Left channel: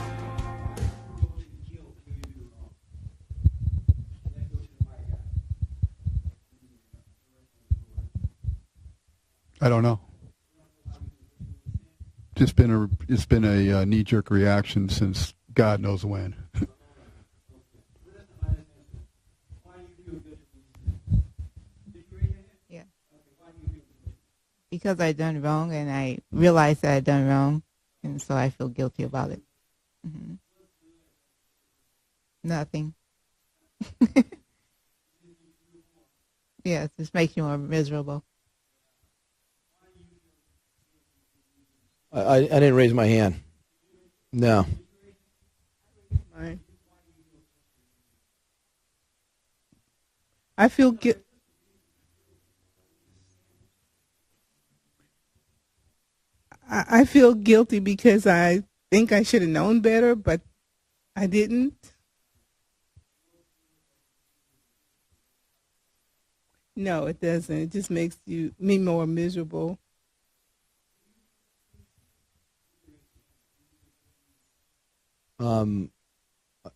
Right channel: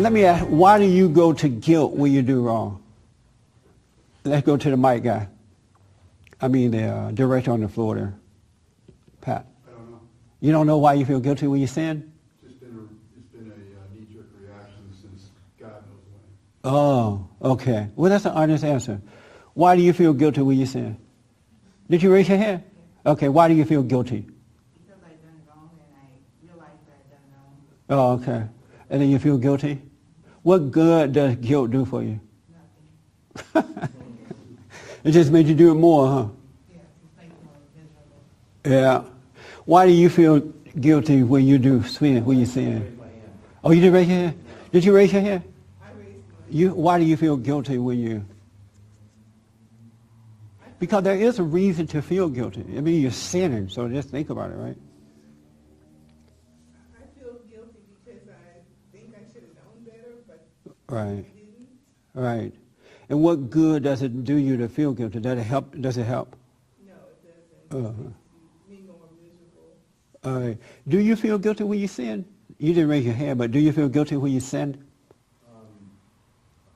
Let me ask, why do you go to guilt when you do wrong? Let's go to the mic guy. I mean, the director on the floor there. Pat. I don't know. You don't know why you feel guilty when you sin? It's been a knee-jerk reaction since God knows when. Oh, okay. Well, that's an honest answer. Why do you feel guilty when you sin? Did you raise your hand? Yeah. Okay, why do you feel guilty? Because I done wrong and I realized that I done wrong. Oh, okay. So I feel guilty. And then you about feel it. guilty? Mm-hmm. What good does guilt do for you? Nothing. It just made you do it more, huh? Yeah, it just makes you more miserable. Yeah. Why do you feel guilty when you do sin? I didn't raise my hand. Oh, you didn't raise your hand? No. Did you raise your hand? I raised mine. Why do you feel guilty when you... I feel Because there is a reason to feel guilty. I mean, you're sinning, so just think about it, right? I feel guilty because I think I should have known better, but Right. I didn't. Right. And what good does it do you to feel guilty? Does it help? Does it help? No, it doesn't. It just makes me more miserable. All right. Do you feel guilty when you sin? You didn't raise your hand, but do you feel guilty when you sin? No,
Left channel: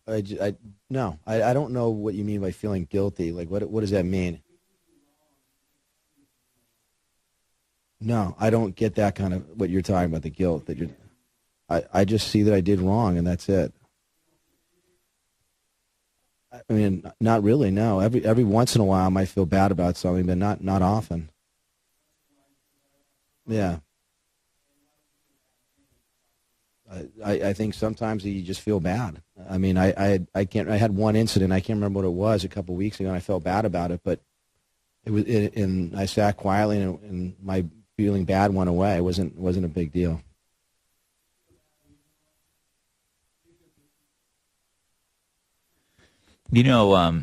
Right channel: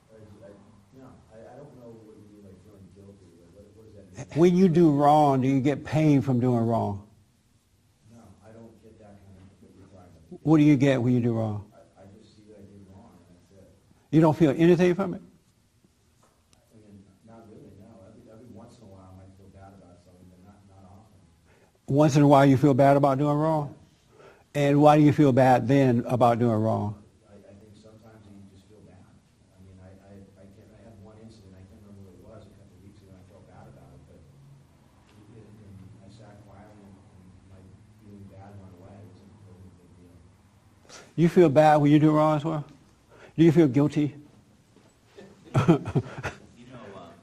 I don't know what you mean by feeling guilty. Like, what does that mean? When you do wrong, do you get pain from doing wrong? No, I don't get that kind of what you're talking about, the guilt. What do you get when you do wrong? I just see that I did wrong, and that's it. You don't feel anything from it? I mean, not really, no. Every once in a while I might feel bad about something, but not often. Once in a while you feel bad about doing wrong? Yeah. And why do you feel bad then about doing wrong? I think sometimes you just feel bad. I mean, I had one incident, I can't remember what it was, a couple of weeks ago, and I felt bad about it, but and I sat quietly, and my feeling bad went away. It wasn't a big deal. You feel bad when you do wrong as well? Do you feel guilty? You know,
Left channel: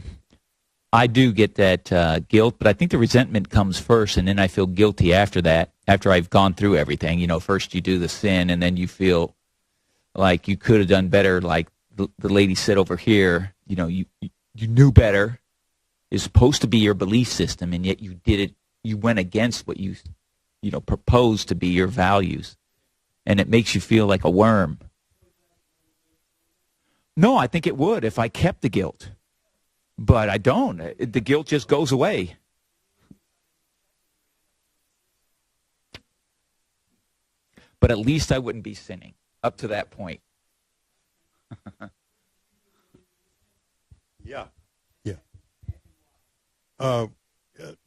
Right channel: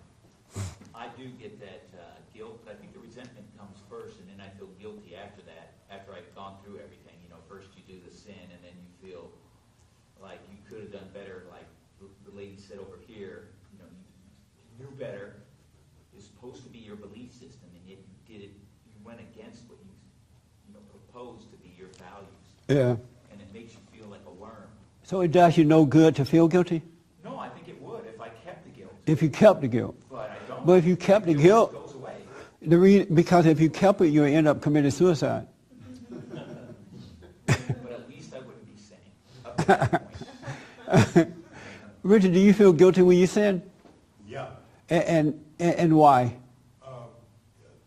I do get that guilt, but I think the resentment comes first, and then I feel guilty after that, after I've gone through everything. You know, first you do the sin, and then you feel like you could have done better, like the lady said over here. You know, you knew better. It's supposed to be your belief system, and yet you did it. You went against what you proposed to be your values. Yeah. And it makes you feel like a worm. So it does you no good to feel guilty? No, I think it would if I kept the guilt. If you kept the guilt. But I don't. But if you kept the guilt the guilt just goes away. Because if you kept it, you'll end up committing suicide. But at least I wouldn't be sinning up to that point. Richard, do you feel guilty when you sin? Yeah. And why?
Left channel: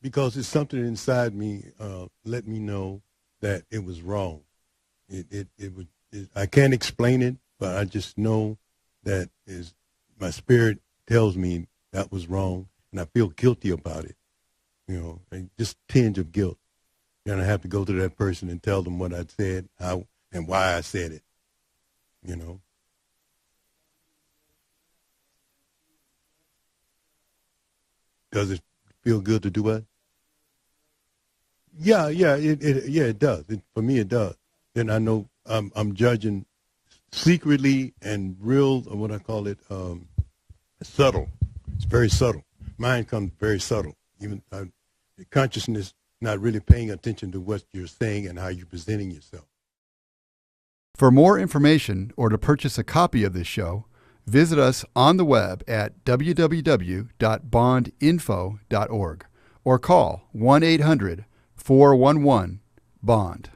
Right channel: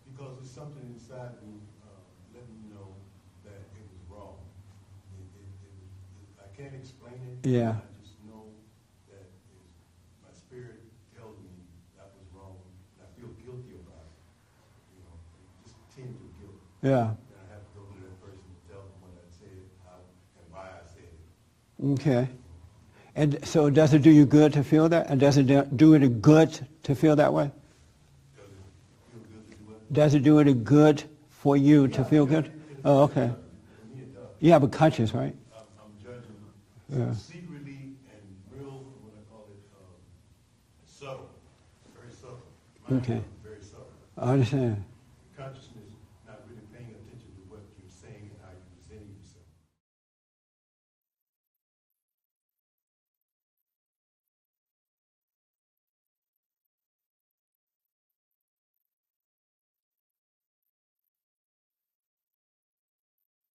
Because it's something inside me let me know that it was wrong. I can't explain it, but I just know that my spirit tells me that was wrong, and I feel guilty about it. You know, just a tinge of guilt. Yeah. And I have to go to that person and tell them what I said, and why I said it. Okay. You know. And so does it do you good to feel that? And does it do it good to feel that way? Does it feel good to do what? Does it do it good for you to feel good? It does. For me, it does. You have a conscience, and I know right? I'm judging secretly and real, what I call it, subtle. It's very subtle. Mine comes very subtle. I understand. Consciousness, not really paying attention to what you're saying and how you're presenting yourself. For more information or to purchase a copy of this show, visit us on the web at www.bondinfo.org or call 1-800-411-BOND.